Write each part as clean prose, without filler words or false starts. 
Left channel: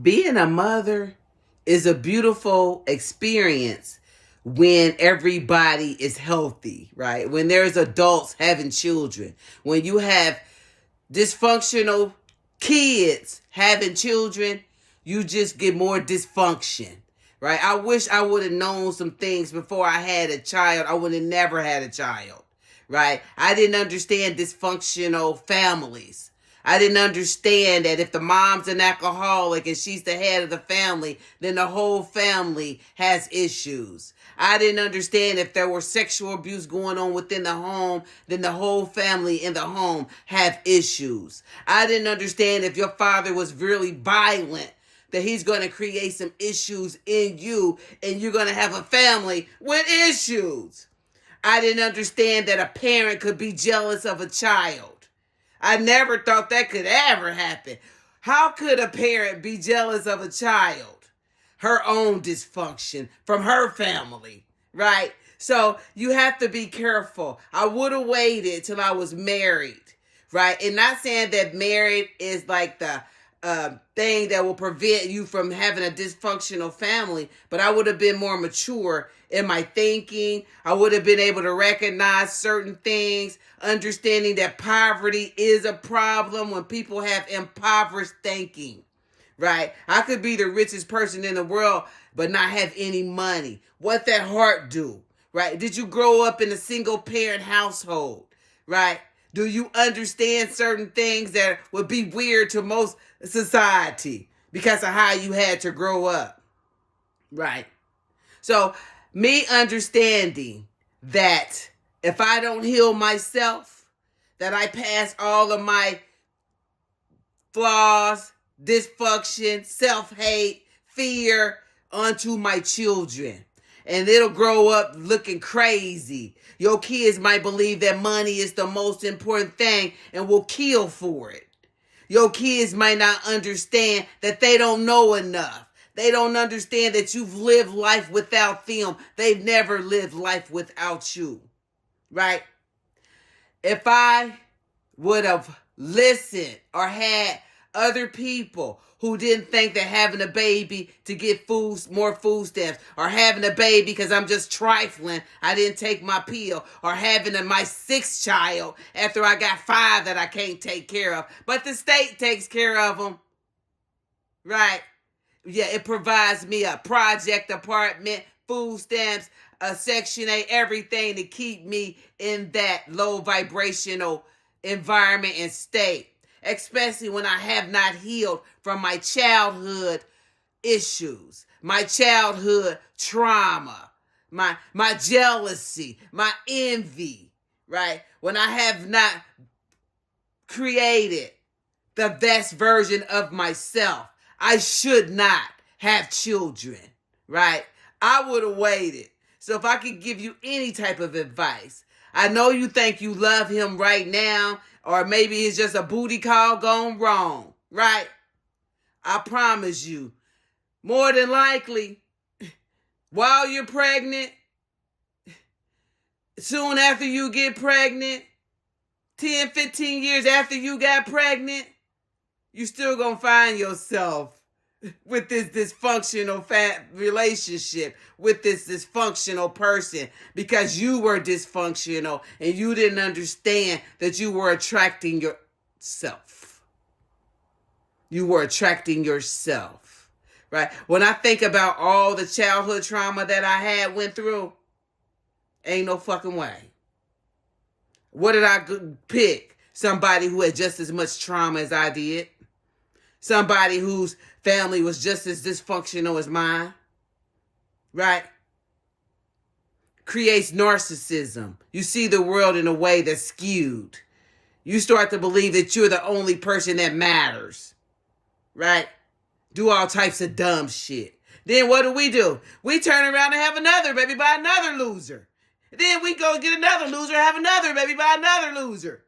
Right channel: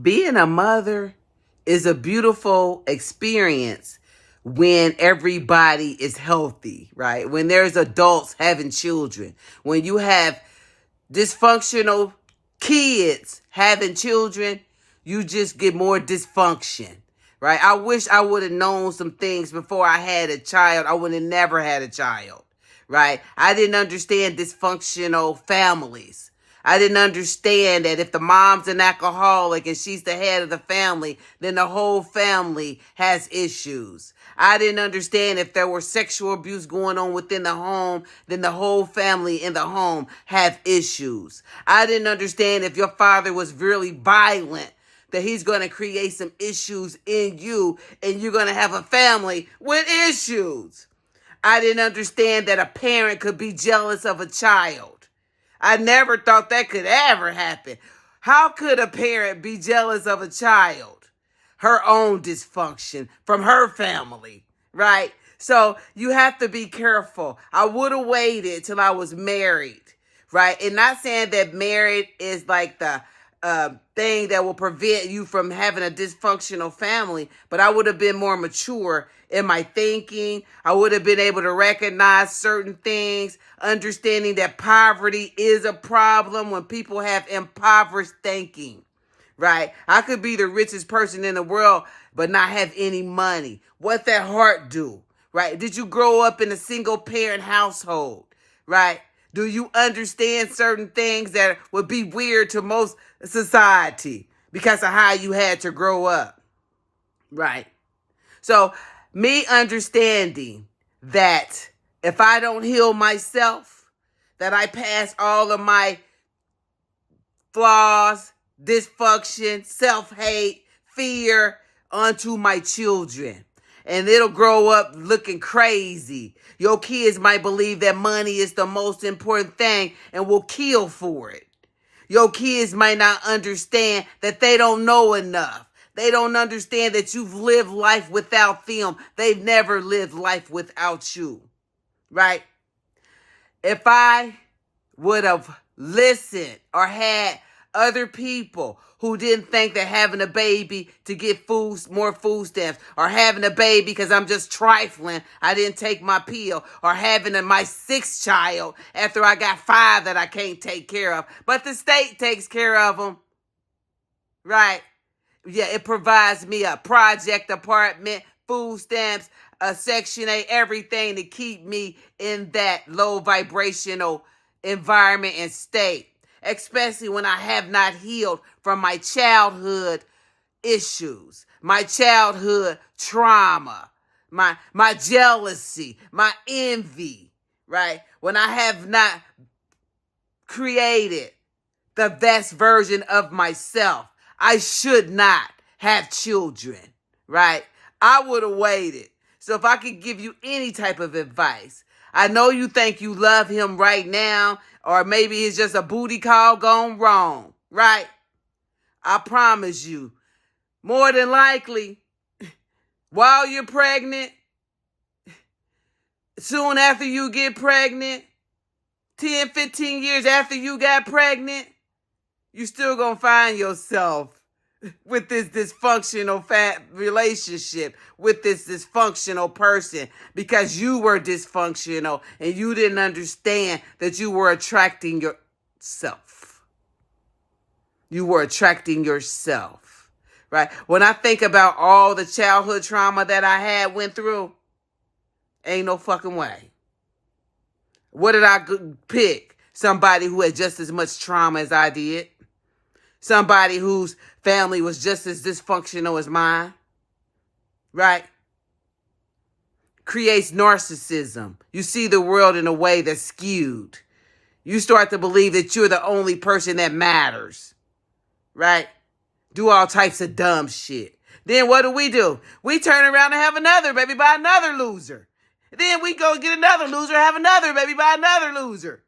Being a mother is a beautiful experience when everybody is healthy, right? When there's adults having children, when you have dysfunctional kids having children, you just get more dysfunction, right? I wish I would have known some things before I had a child. I would have never had a child, right? I didn't understand dysfunctional families. I didn't understand that if the mom's an alcoholic and she's the head of the family, then the whole family has issues. I didn't understand if there were sexual abuse going on within the home, then the whole family in the home have issues. I didn't understand if your father was really violent, that he's going to create some issues in you and you're going to have a family with issues. I didn't understand that a parent could be jealous of a child. I never thought that could ever happen. How could a parent be jealous of a child? Her own dysfunction from her family, right? So you have to be careful. I would have waited till I was married, right? And not saying that married is like the thing that will prevent you from having a dysfunctional family, but I would have been more mature in my thinking. I would have been able to recognize certain things, understanding that poverty is a problem when people have impoverished thinking, right? I could be the richest person in the world, but not have any money. What that heart do, right? Did you grow up in a single parent household, right? Do you understand certain things that would be weird to most society because of how you had to grow up, right? So me understanding that if I don't heal myself, that I pass all of my flaws, dysfunction, self-hate, fear onto my children. And it'll grow up looking crazy. Your kids might believe that money is the most important thing and will kill for it. Your kids might not understand that they don't know enough. They don't understand that you've lived life without them. They've never lived life without you, right? If I would have listened or had other people who didn't think that having a baby to get more food stamps, or having a baby because I'm just trifling, I didn't take my pill, or having my sixth child after I got 5 that I can't take care of, but the state takes care of them, right? Yeah, it provides me a project apartment, food stamps, a Section 8, everything to keep me in that low vibrational environment and state, especially when I have not healed from my childhood issues, my childhood trauma, my jealousy, my envy, right? When I have not created the best version of myself, I should not have children, right? I would have waited. So if I could give you any type of advice, I know you think you love him right now, or maybe it's just a booty call gone wrong, right? I promise you, more than likely, while you're pregnant, soon after you get pregnant, 10, 15 years after you got pregnant, you still gonna find yourself with this dysfunctional relationship with this dysfunctional person because you were dysfunctional and you didn't understand that you were attracting yourself. You were attracting yourself, right? When I think about all the childhood trauma that I went through, ain't no fucking way. What did I pick? Somebody who had just as much trauma as I did. Somebody whose family was just as dysfunctional as mine, right? Creates narcissism. You see the world in a way that's skewed. You start to believe that you're the only person that matters, right? Do all types of dumb shit. Then what do? We turn around and have another baby by another loser. Then we go get another loser, have another baby by another loser.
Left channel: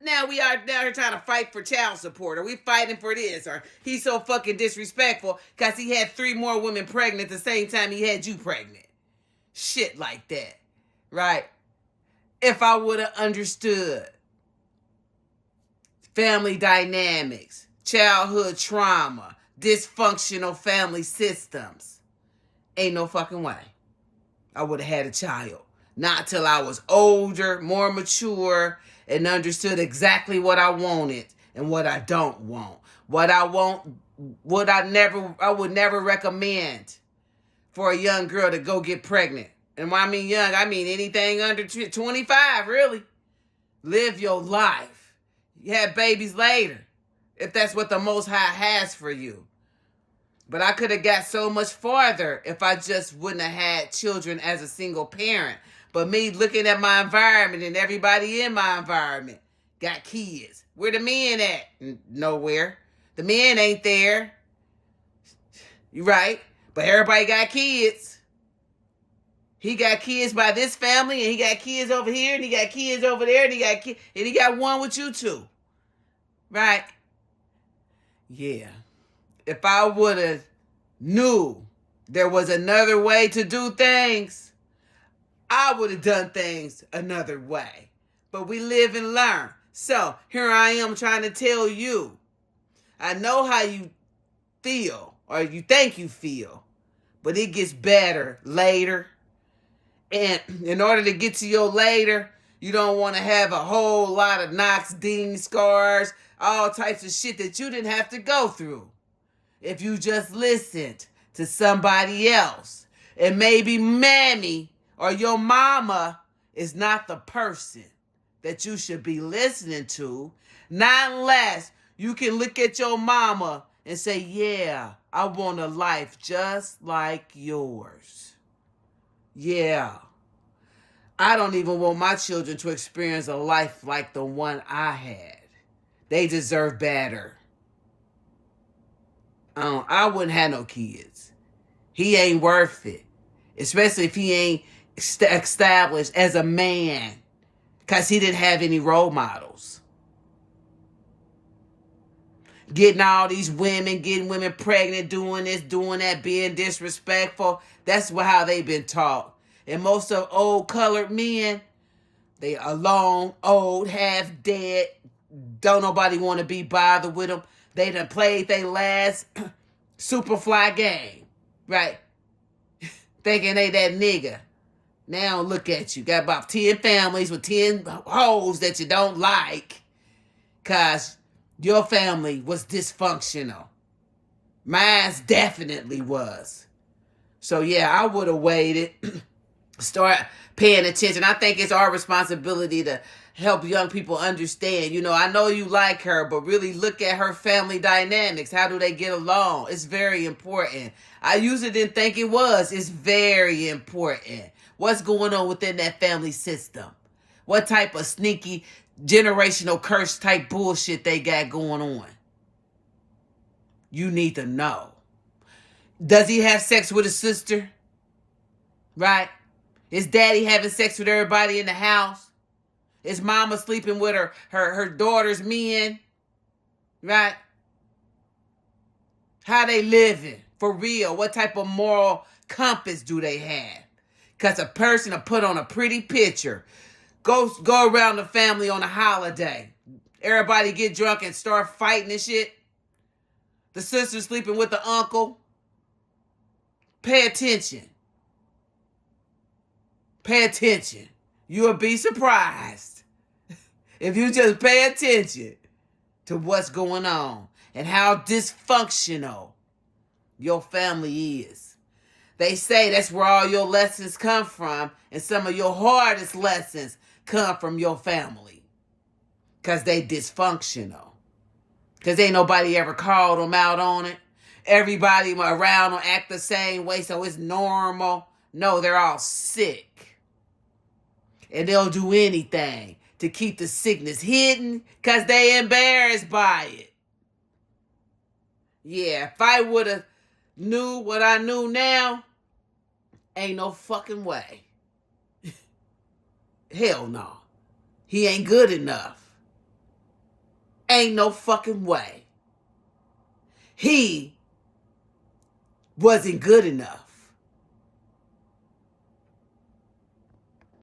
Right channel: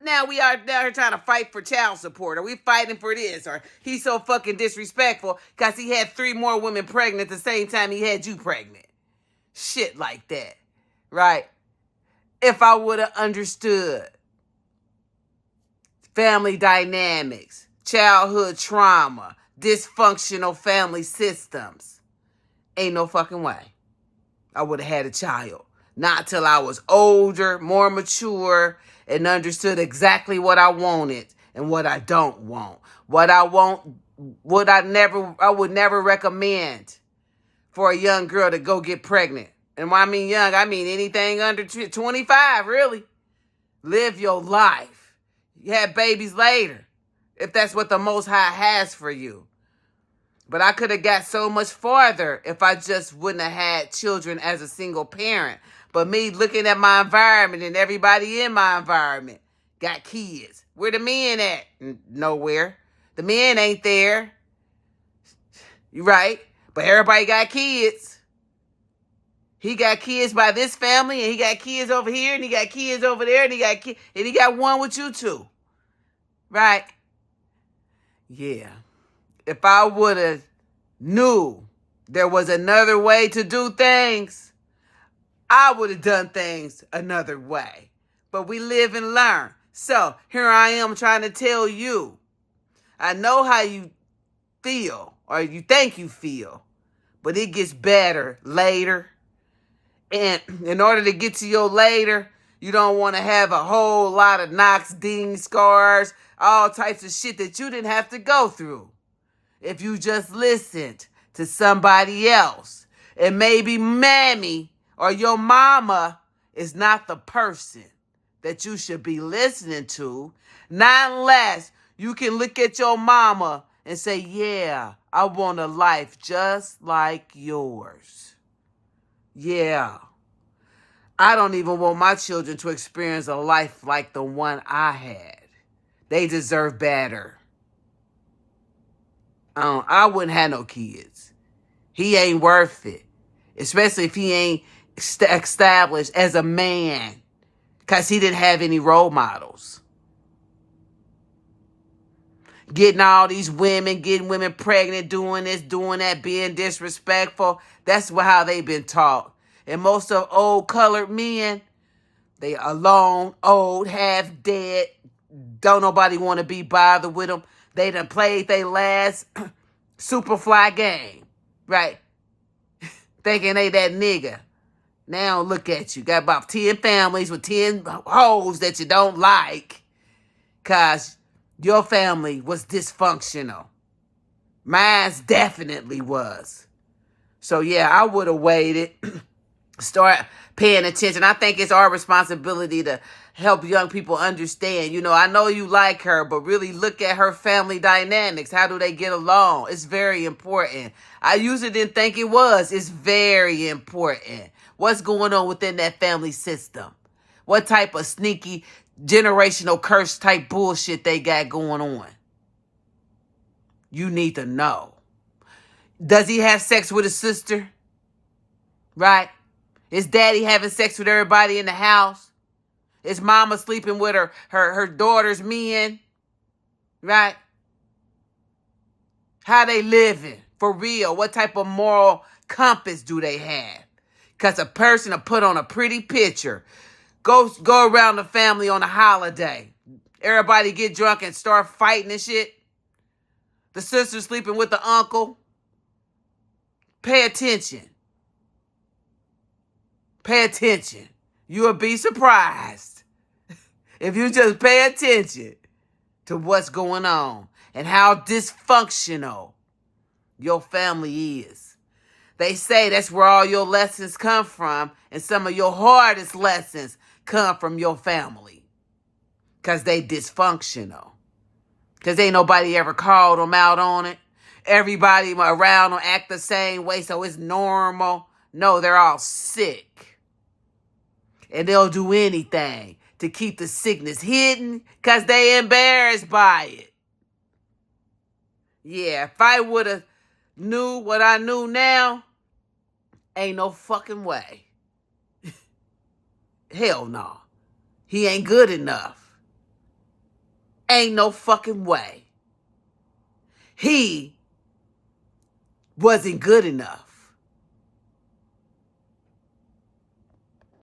Now we are down here trying to fight for child support, or we fighting for this, or he's so fucking disrespectful because he had 3 more women pregnant at the same time he had you pregnant. Shit like that, right? If I would have understood family dynamics, childhood trauma, dysfunctional family systems. Ain't no fucking way I would have had a child. Not till I was older, more mature, and understood exactly what I wanted and what I don't want. What I want, I would never recommend for a young girl to go get pregnant. And when I mean young, I mean anything under 25, really. Live your life. You have babies later, if that's what the Most High has for you. But I could have got so much farther if I just wouldn't have had children as a single parent. But me looking at my environment and everybody in my environment got kids. Where the men at? Nowhere. The men ain't there. You right? But everybody got kids. He got kids by this family, and he got kids over here, and he got kids over there, and he got one with you too. Right? Yeah. If I would have knew there was another way to do things, I would have done things another way. But we live and learn. So here I am trying to tell you, I know how you feel, or you think you feel, but it gets better later. And in order to get to your later, you don't want to have a whole lot of knocks, dings, scars, all types of shit that you didn't have to go through. If you just listened to somebody else, and maybe mammy or your mama is not the person that you should be listening to, not unless you can look at your mama and say, yeah, I want a life just like yours. Yeah. I don't even want my children to experience a life like the one I had. They deserve better. I wouldn't have no kids. He ain't worth it. Especially if he ain't established as a man. Because he didn't have any role models. Getting all these women, getting women pregnant, doing this, doing that, being disrespectful. That's how they've been taught. And most of old colored men, they alone, old, half dead. Don't nobody want to be bothered with them. They done played their last Superfly game. Right? Thinking they that nigga. Now look at you. Got about 10 families with 10 hoes that you don't like. Because your family was dysfunctional. Mine's definitely was. So yeah, I would have waited. Start paying attention. I think it's our responsibility to help young people understand. You know, I know you like her, but really look at her family dynamics. How do they get along? It's very important. I usually didn't think it was. It's very important. What's going on within that family system? What type of sneaky generational curse type bullshit they got going on? You need to know. Does he have sex with his sister? Right? Is daddy having sex with everybody in the house? Is mama sleeping with her daughter's men? Right? How they living? For real? What type of moral compass do they have? Because a person will put on a pretty picture. Go around the family on a holiday. Everybody get drunk and start fighting and shit. The sister sleeping with the uncle. Pay attention. Pay attention. You'll be surprised if you just pay attention to what's going on and how dysfunctional your family is. They say that's where all your lessons come from, and some of your hardest lessons come from your family because they dysfunctional. Because ain't nobody ever called them out on it. Everybody around them act the same way, so it's normal. No, they're all sick. And they'll do anything to keep the sickness hidden because they embarrassed by it. Yeah, if I would have knew what I knew now, ain't no fucking way. Hell no. He ain't good enough. Ain't no fucking way. He wasn't good enough.